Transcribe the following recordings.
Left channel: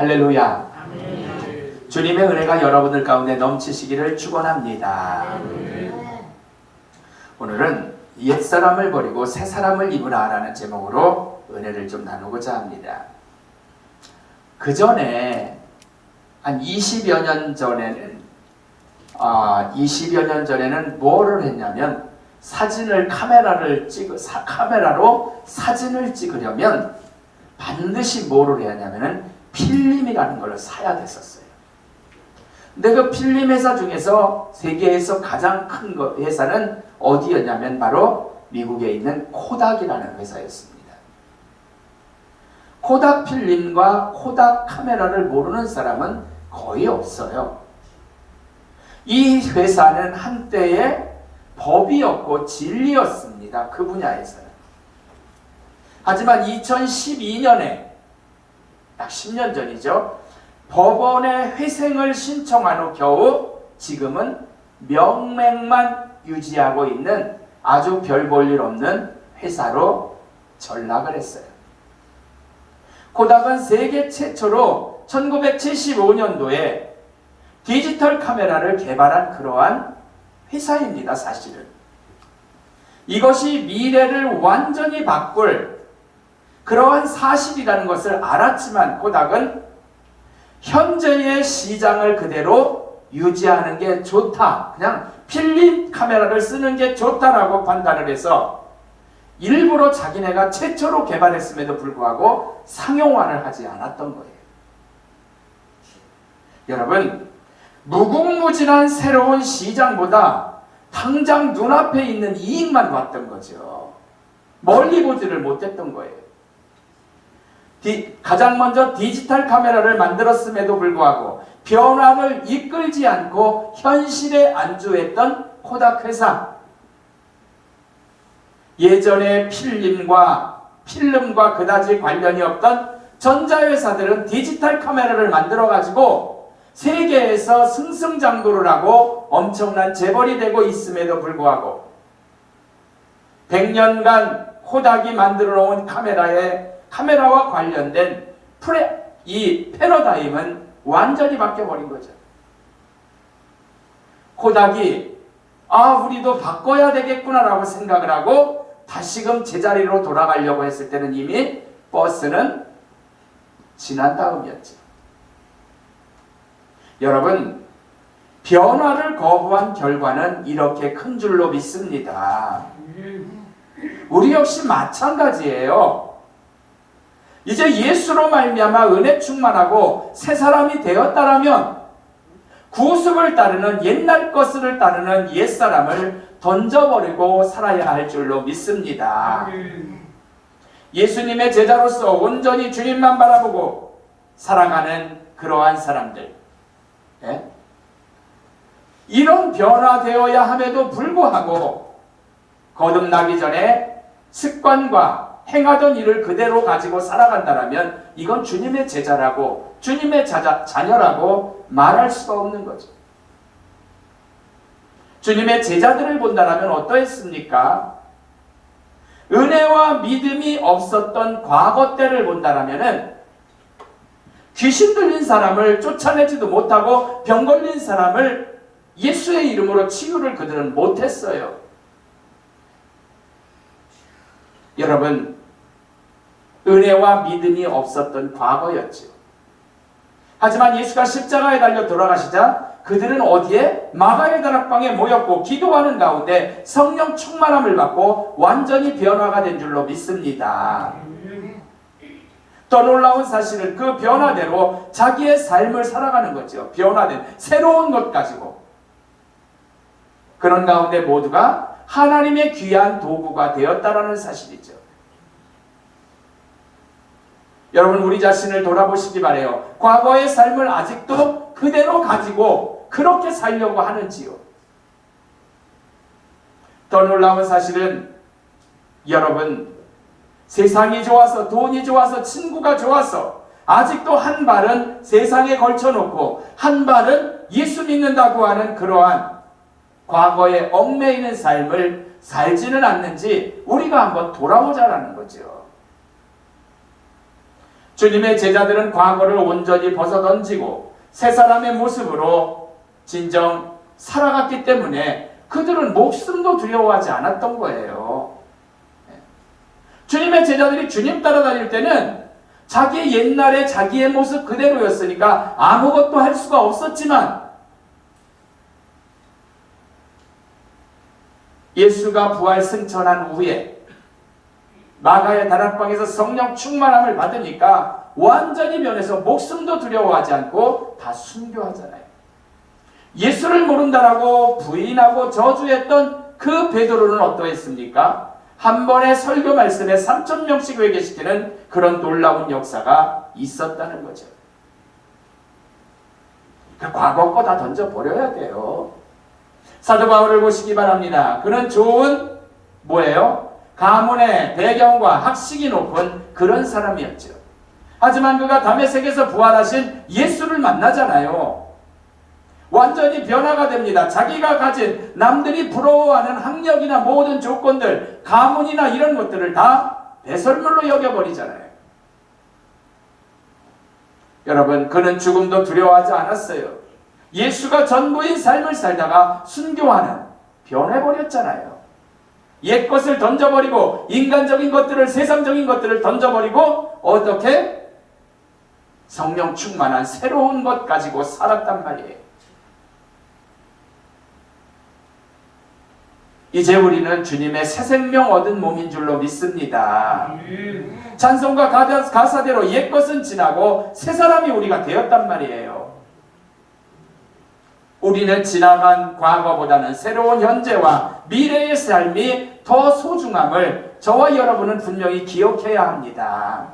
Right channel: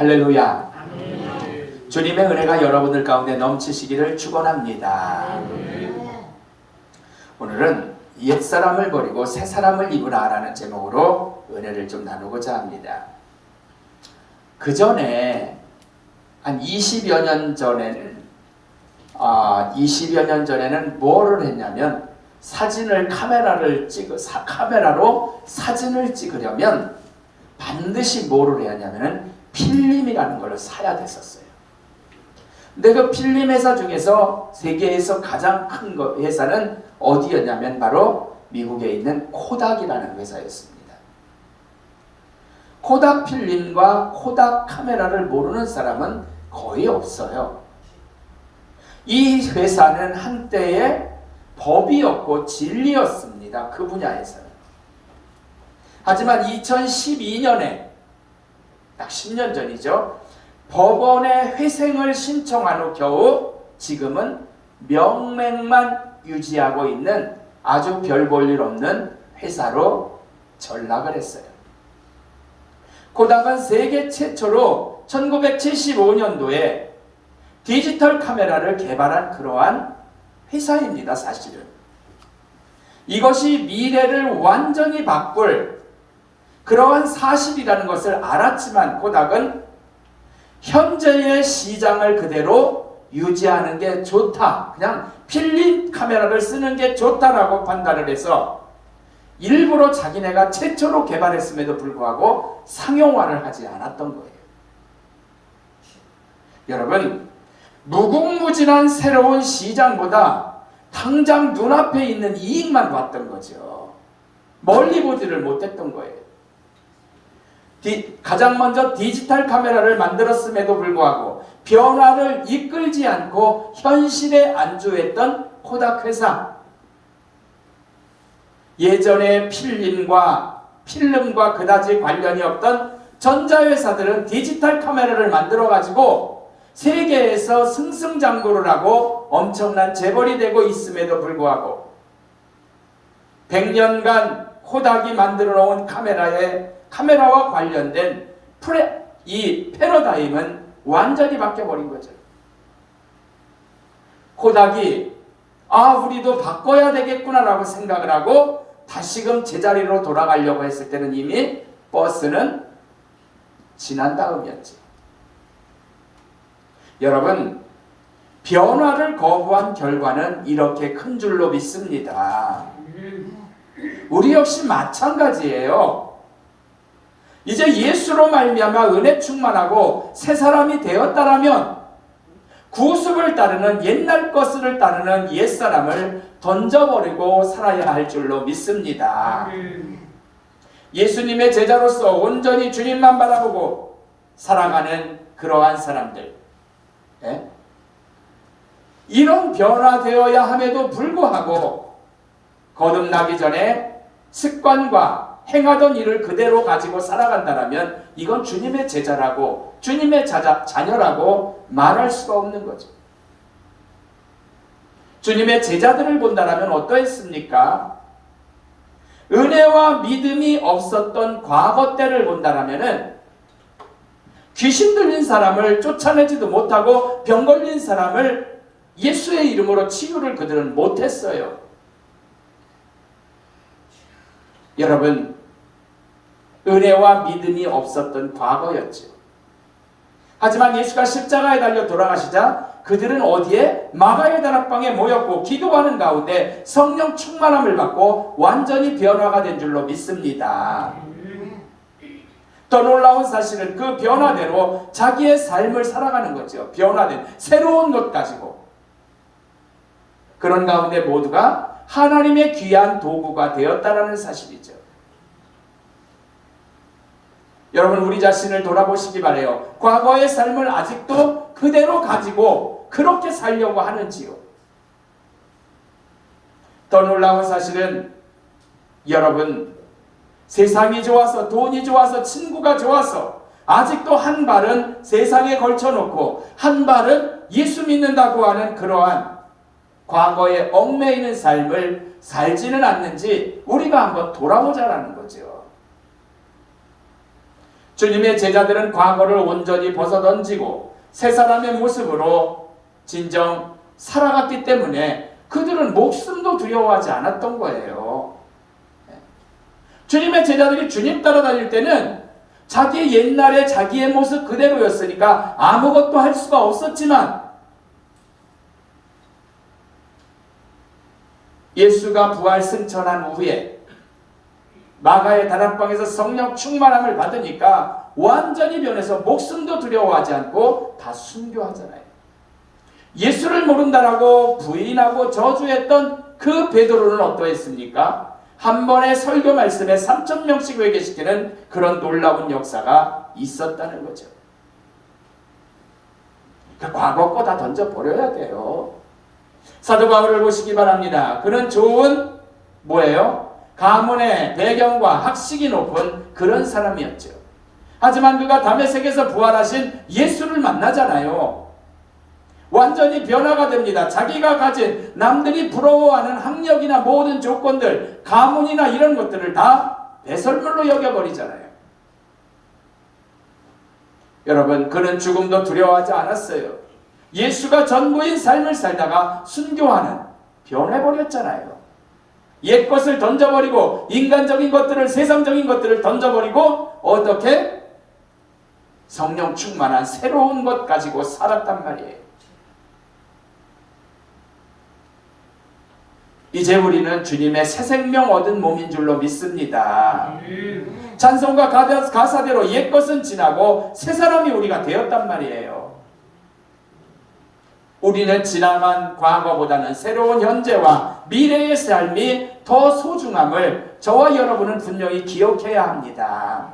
할렐루야. 아멘. 주님의 은혜가 여러분들 가운데 넘치시기를 축원합니다. 오늘은 옛사람을 버리고 새사람을 입으라 라는 제목으로 은혜를 좀 나누고자 합니다. 그 전에 한 20여 년 전에는 뭐를 했냐면 카메라로 사진을 찍으려면 반드시 뭐를 해야 하냐면 필름이라는 걸 사야 됐었어요. 근데 그 필름 회사 중에서 세계에서 가장 큰 회사는 어디였냐면 바로 미국에 있는 코닥이라는 회사였습니다. 코닥 필름과 코닥 카메라를 모르는 사람은 거의 없어요. 이 회사는 한때의 법이었고 진리였습니다. 그 분야에서는. 하지만 2012년에 딱 10년 전이죠. 법원에 회생을 신청한 후 겨우 지금은 명맥만 유지하고 있는 아주 별 볼 일 없는 회사로 전락을 했어요. 코닥은 세계 최초로 1975년도에 디지털 카메라를 개발한 그러한 회사입니다. 사실은. 이것이 미래를 완전히 바꿀 그러한 사실이라는 것을 알았지만 코닥은 현재의 시장을 그대로 유지하는 게 좋다. 그냥 필름 카메라를 쓰는 게 좋다라고 판단을 해서 일부러 자기네가 최초로 개발했음에도 불구하고 상용화를 하지 않았던 거예요. 여러분, 무궁무진한 새로운 시장보다 당장 눈앞에 있는 이익만 봤던 거죠. 멀리 보지를 못했던 거예요. 가장 먼저 디지털 카메라를 만들었음에도 불구하고 변화를 이끌지 않고 현실에 안주했던 코닥 회사. 예전에 필름과 그다지 관련이 없던 전자회사들은 디지털 카메라를 만들어가지고 세계에서 승승장구를 하고 엄청난 재벌이 되고 있음에도 불구하고 100년간 코닥이 만들어 놓은 카메라와 관련된 이 패러다임은 완전히 바뀌어버린 거죠. 코닥이 우리도 바꿔야 되겠구나라고 생각을 하고 다시금 제자리로 돌아가려고 했을 때는 이미 버스는 지난 다음이었죠. 여러분, 변화를 거부한 결과는 이렇게 큰 줄로 믿습니다. 우리 역시 마찬가지예요. 이제 예수로 말미암아 은혜 충만하고 새 사람이 되었다라면 구습을 따르는 옛날 것을 따르는 옛사람을 던져버리고 살아야 할 줄로 믿습니다. 예수님의 제자로서 온전히 주님만 바라보고 살아가는 그러한 사람들, 이런 변화되어야 함에도 불구하고 거듭나기 전에 습관과 행하던 일을 그대로 가지고 살아간다면 이건 주님의 제자라고 주님의 자녀라고 말할 수가 없는 거죠. 주님의 제자들을 본다면 어떠했습니까? 은혜와 믿음이 없었던 과거 때를 본다면 귀신 들린 사람을 쫓아내지도 못하고 병 걸린 사람을 예수의 이름으로 치유를 그들은 못했어요. 여러분, 은혜와 믿음이 없었던 과거였죠. 하지만 예수가 십자가에 달려 돌아가시자 그들은 어디에? 마가의 다락방에 모였고 기도하는 가운데 성령 충만함을 받고 완전히 변화가 된 줄로 믿습니다. 더 놀라운 사실은 그 변화대로 자기의 삶을 살아가는 거죠. 변화된 새로운 것 가지고. 그런 가운데 모두가 하나님의 귀한 도구가 되었다라는 사실이죠. 여러분, 우리 자신을 돌아보시기 바라요. 과거의 삶을 아직도 그대로 가지고 그렇게 살려고 하는지요? 더 놀라운 사실은 여러분, 세상이 좋아서 돈이 좋아서 친구가 좋아서 아직도 한 발은 세상에 걸쳐놓고 한 발은 예수 믿는다고 하는 그러한 과거에 얽매이는 삶을 살지는 않는지 우리가 한번 돌아보자라는 거죠. 주님의 제자들은 과거를 온전히 벗어던지고 새 사람의 모습으로 진정 살아갔기 때문에 그들은 목숨도 두려워하지 않았던 거예요. 주님의 제자들이 주님 따라다닐 때는 자기 옛날에 자기의 모습 그대로였으니까 아무것도 할 수가 없었지만 예수가 부활 승천한 후에 마가의 다락방에서 성령 충만함을 받으니까 완전히 변해서 목숨도 두려워하지 않고 다 순교하잖아요. 예수를 모른다라고 부인하고 저주했던 그 베드로는 어떠했습니까? 한 번의 설교 말씀에 3,000명씩 회개시키는 그런 놀라운 역사가 있었다는 거죠. 그 과거 거 다 던져버려야 돼요. 사도 바울을 보시기 바랍니다. 그는 좋은 뭐예요? 가문의 배경과 학식이 높은 그런 사람이었죠. 하지만 그가 다메섹에서 부활하신 예수를 만나잖아요. 완전히 변화가 됩니다. 자기가 가진 남들이 부러워하는 학력이나 모든 조건들, 가문이나 이런 것들을 다 배설물로 여겨버리잖아요. 여러분, 그는 죽음도 두려워하지 않았어요. 예수가 전부인 삶을 살다가 순교하는, 변해버렸잖아요. 옛 것을 던져버리고 인간적인 것들을, 세상적인 것들을 던져버리고 어떻게? 성령 충만한 새로운 것 가지고 살았단 말이에요. 이제 우리는 주님의 새 생명 얻은 몸인 줄로 믿습니다. 찬송과 가사대로 옛 것은 지나고 새 사람이 우리가 되었단 말이에요. 우리는 지나간 과거보다는 새로운 현재와 미래의 삶이 더 소중함을 저와 여러분은 분명히 기억해야 합니다.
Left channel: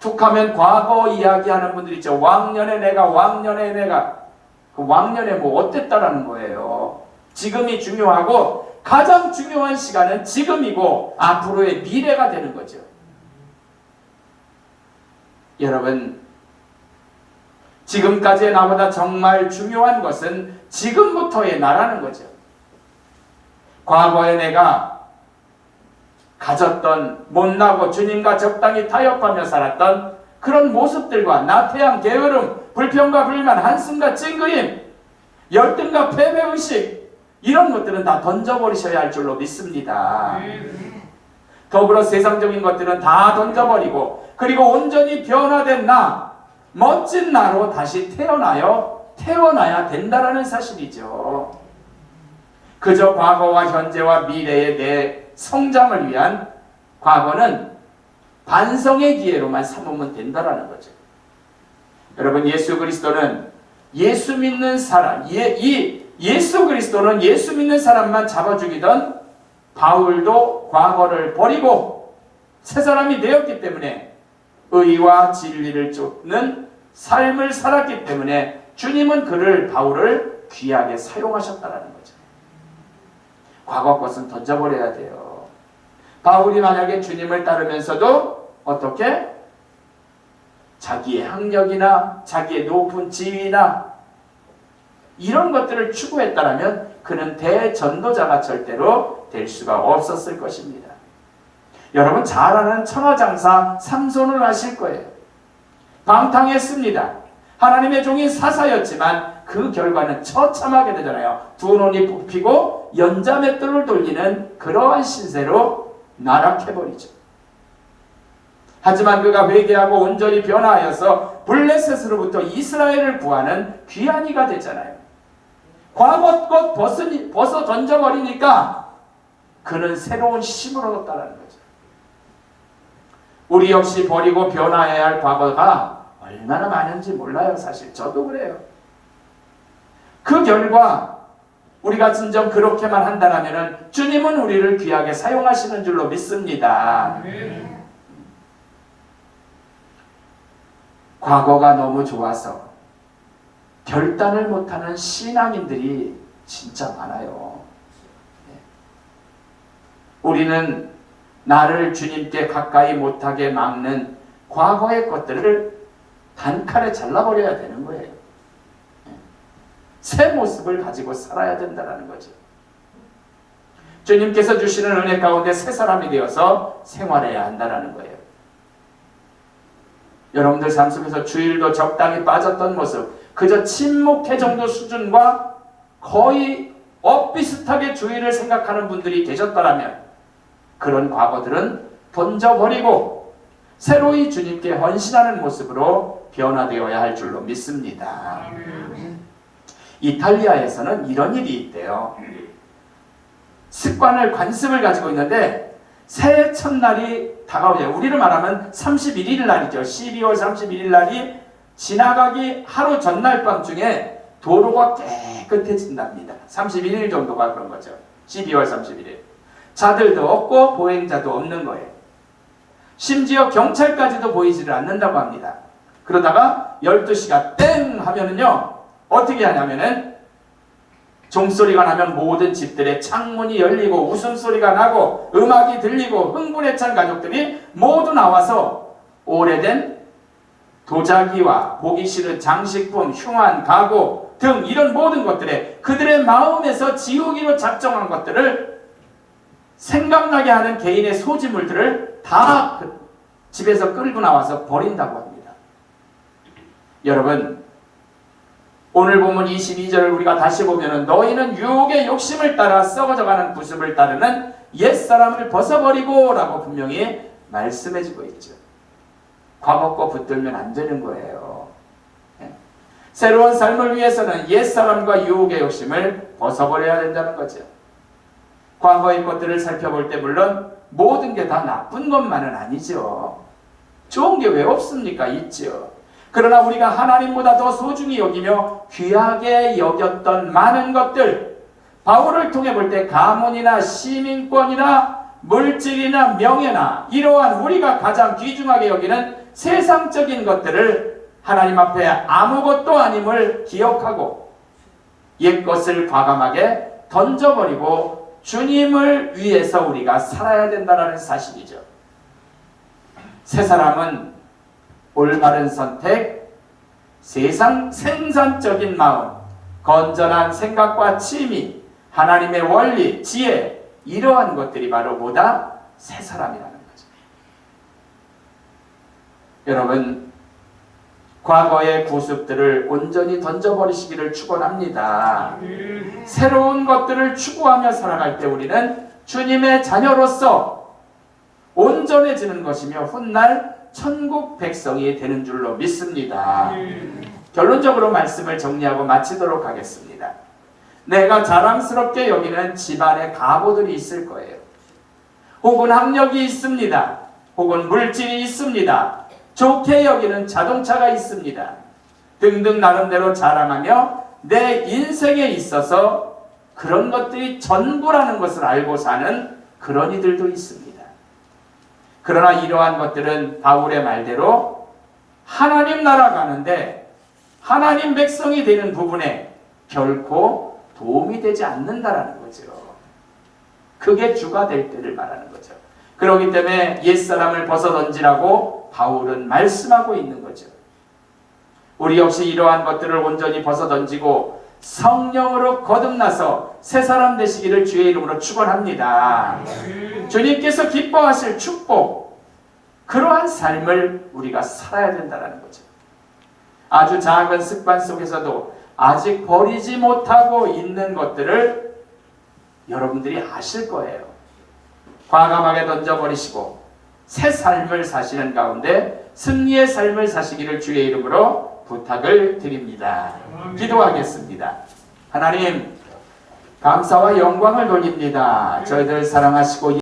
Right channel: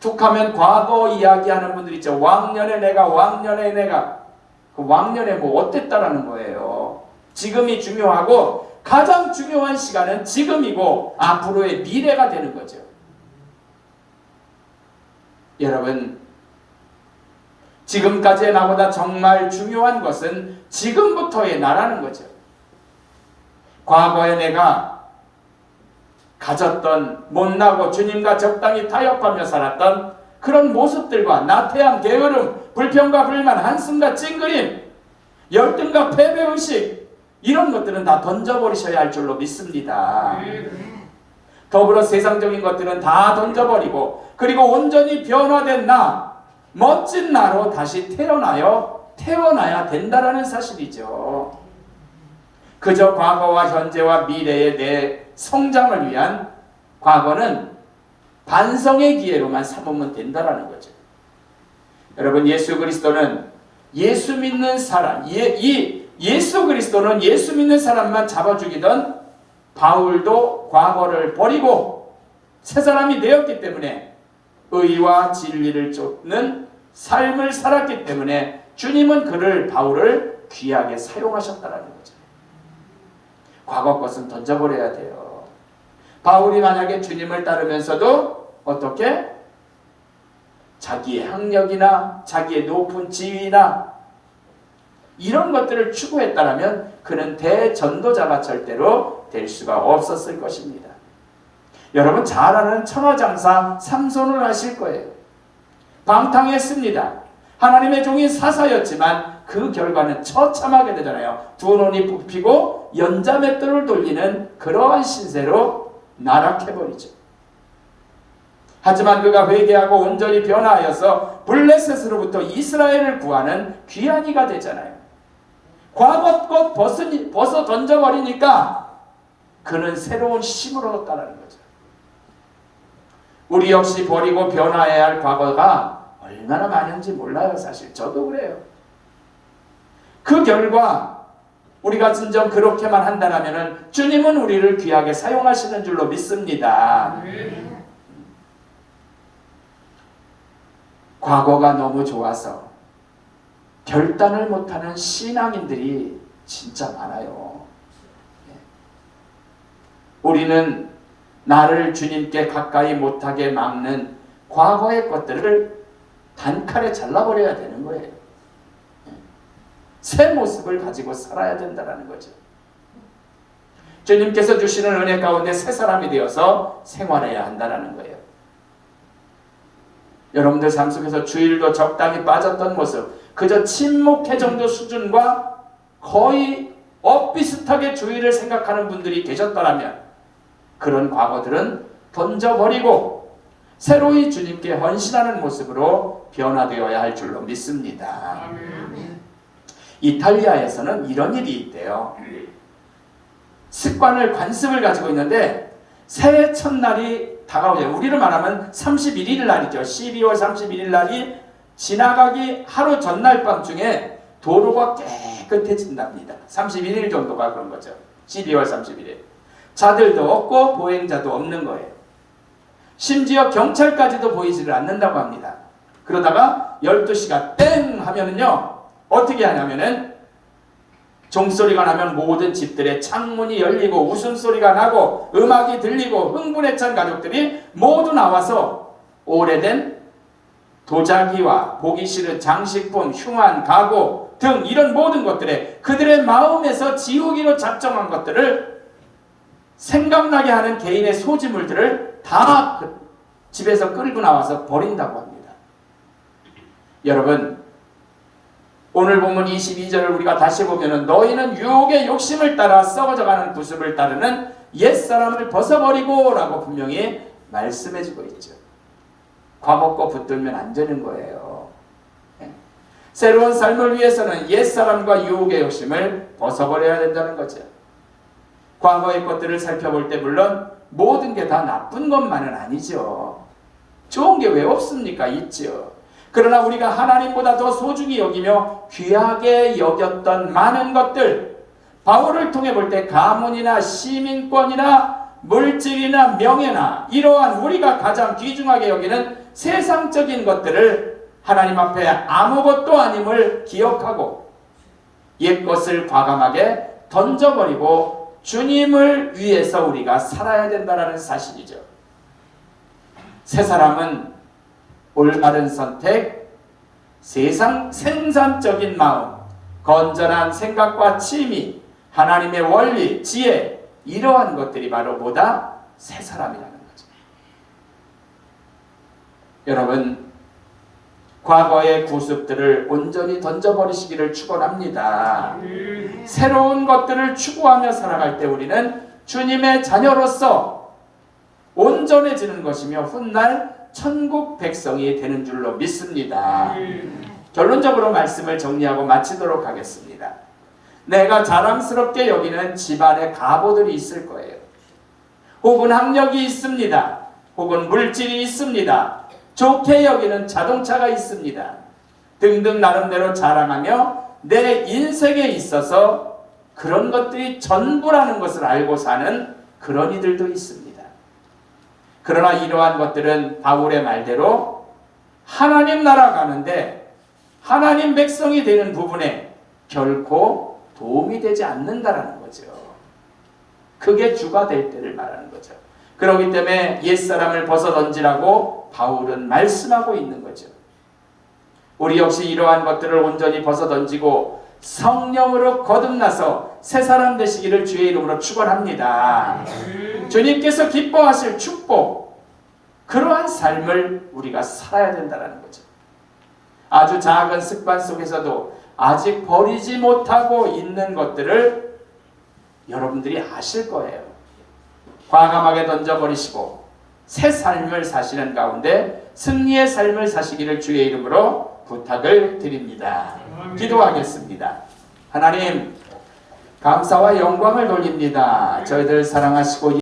툭하면 과거 이야기하는 분들 있죠. 왕년에 내가 그 왕년에 뭐 어땠다라는 거예요. 지금이 중요하고 가장 중요한 시간은 지금이고 앞으로의 미래가 되는 거죠. 여러분, 지금까지의 나보다 정말 중요한 것은 지금부터의 나라는 거죠. 과거에 내가 가졌던 못나고 주님과 적당히 타협하며 살았던 그런 모습들과 나태함, 게으름, 불평과 불만, 한숨과 찡그림, 열등과 패배의식, 이런 것들은 다 던져버리셔야 할 줄로 믿습니다. 더불어 세상적인 것들은 다 던져버리고 그리고 온전히 변화된 나, 멋진 나로 다시 태어나야 된다라는 사실이죠. 그저 과거와 현재와 미래의 내 성장을 위한 과거는 반성의 기회로만 삼으면 된다라는 거죠. 여러분, 예수 그리스도는 예수 믿는 사람, 예수 그리스도는 예수 믿는 사람만 잡아 죽이던 바울도 과거를 버리고 새 사람이 되었기 때문에 의와 진리를 쫓는 삶을 살았기 때문에 주님은 바울을 귀하게 사용하셨다는 거죠. 과거 것은 던져버려야 돼요. 바울이 만약에 주님을 따르면서도 어떻게? 자기의 학력이나 자기의 높은 지위나 이런 것들을 추구했다면 그는 대전도자가 절대로 될 수가 없었을 것입니다. 여러분 잘 아는 천하장사 삼손을 아실 거예요. 방탕했습니다. 하나님의 종인 사사였지만 그 결과는 처참하게 되잖아요. 두 눈이 뽑히고 연자맷돌을 돌리는 그러한 신세로 나락해버리죠. 하지만 그가 회개하고 온전히 변화하여서 블레셋으로부터 이스라엘을 구하는 귀한 이가 되잖아요. 과거 것 벗어 던져버리니까 그는 새로운 힘을 얻었다는 거죠. 우리 역시 버리고 변화해야 할 과거가 얼마나 많은지 몰라요. 사실 저도 그래요. 그 결과 우리가 진정 그렇게만 한다면 주님은 우리를 귀하게 사용하시는 줄로 믿습니다. 과거가 너무 좋아서 결단을 못하는 신앙인들이 진짜 많아요. 우리는 나를 주님께 가까이 못하게 막는 과거의 것들을 단칼에 잘라버려야 되는 거예요. 새 모습을 가지고 살아야 된다는 거죠. 주님께서 주시는 은혜 가운데 새 사람이 되어서 생활해야 한다는 거예요. 여러분들 삶 속에서 주일도 적당히 빠졌던 모습, 그저 침묵회 정도 수준과 거의 엇비슷하게 주일을 생각하는 분들이 계셨더라면 그런 과거들은 던져버리고 새로이 주님께 헌신하는 모습으로 변화되어야 할 줄로 믿습니다. 이탈리아에서는 이런 일이 있대요. 습관을, 관습을 가지고 있는데 새해 첫날이 다가오죠. 우리를 말하면 31일 날이죠. 12월 31일 날이 지나가기 하루 전날 밤중에 도로가 깨끗해진답니다. 31일 정도가 그런 거죠. 12월 31일. 자들도 없고 보행자도 없는 거예요. 심지어 경찰까지도 보이지를 않는다고 합니다. 그러다가 12시가 땡 하면은요, 어떻게 하냐면은 종소리가 나면 모든 집들의 창문이 열리고 웃음소리가 나고 음악이 들리고 흥분에 찬 가족들이 모두 나와서 오래된 도자기와 보기 싫은 장식품, 흉한 가구 등 이런 모든 것들에 그들의 마음에서 지우기로 작정한 것들을 생각나게 하는 개인의 소지물들을 다 집에서 끌고 나와서 버린다고 합니다. 여러분, 오늘 본문 22절을 우리가 다시 보면은 너희는 유혹의 욕심을 따라 썩어져가는 구습을 따르는 옛사람을 벗어버리고 라고 분명히 말씀해주고 있죠. 과거 거 붙들면 안 되는 거예요. 새로운 삶을 위해서는 옛사람과 유혹의 욕심을 벗어버려야 된다는 거죠. 과거의 것들을 살펴볼 때 물론 모든 게 다 나쁜 것만은 아니죠. 좋은 게 왜 없습니까? 있죠. 그러나 우리가 하나님보다 더 소중히 여기며 귀하게 여겼던 많은 것들, 바울을 통해 볼 때 가문이나 시민권이나 물질이나 명예나 이러한 우리가 가장 귀중하게 여기는 세상적인 것들을 하나님 앞에 아무것도 아님을 기억하고 옛것을 과감하게 던져버리고 주님을 위해서 우리가 살아야 된다는 사실이죠. 새 사람은 올바른 선택, 세상 생산적인 마음, 건전한 생각과 취미, 하나님의 원리, 지혜, 이러한 것들이 바로 뭐다? 새 사람이라는 거죠. 여러분, 과거의 구습들을 온전히 던져버리시기를 축원합니다. 새로운 것들을 추구하며 살아갈 때 우리는 주님의 자녀로서 온전해지는 것이며 훗날 천국 백성이 되는 줄로 믿습니다. 결론적으로 말씀을 정리하고 마치도록 하겠습니다. 내가 자랑스럽게 여기는 집안의 가보들이 있을 거예요. 혹은 학력이 있습니다. 혹은 물질이 있습니다. 좋게 여기는 자동차가 있습니다. 등등 나름대로 자랑하며 내 인생에 있어서 그런 것들이 전부라는 것을 알고 사는 그런 이들도 있습니다. 그러나 이러한 것들은 바울의 말대로 하나님 나라 가는데 하나님 백성이 되는 부분에 결코 도움이 되지 않는다라는 거죠. 그게 주가 될 때를 말하는 거죠. 그렇기 때문에 옛사람을 벗어던지라고 바울은 말씀하고 있는 거죠. 우리 역시 이러한 것들을 온전히 벗어던지고 성령으로 거듭나서 새 사람 되시기를 주의 이름으로 축원합니다. 주님께서 기뻐하실 축복, 그러한 삶을 우리가 살아야 된다는 거죠. 아주 작은 습관 속에서도 아직 버리지 못하고 있는 것들을 여러분들이 아실 거예요. 과감하게 던져버리시고 새 삶을 사시는 가운데 승리의 삶을 사시기를 주의 이름으로 부탁을 드립니다. 기도하겠습니다. 하나님, 감사와 영광을 돌립니다. 저희들 사랑하시고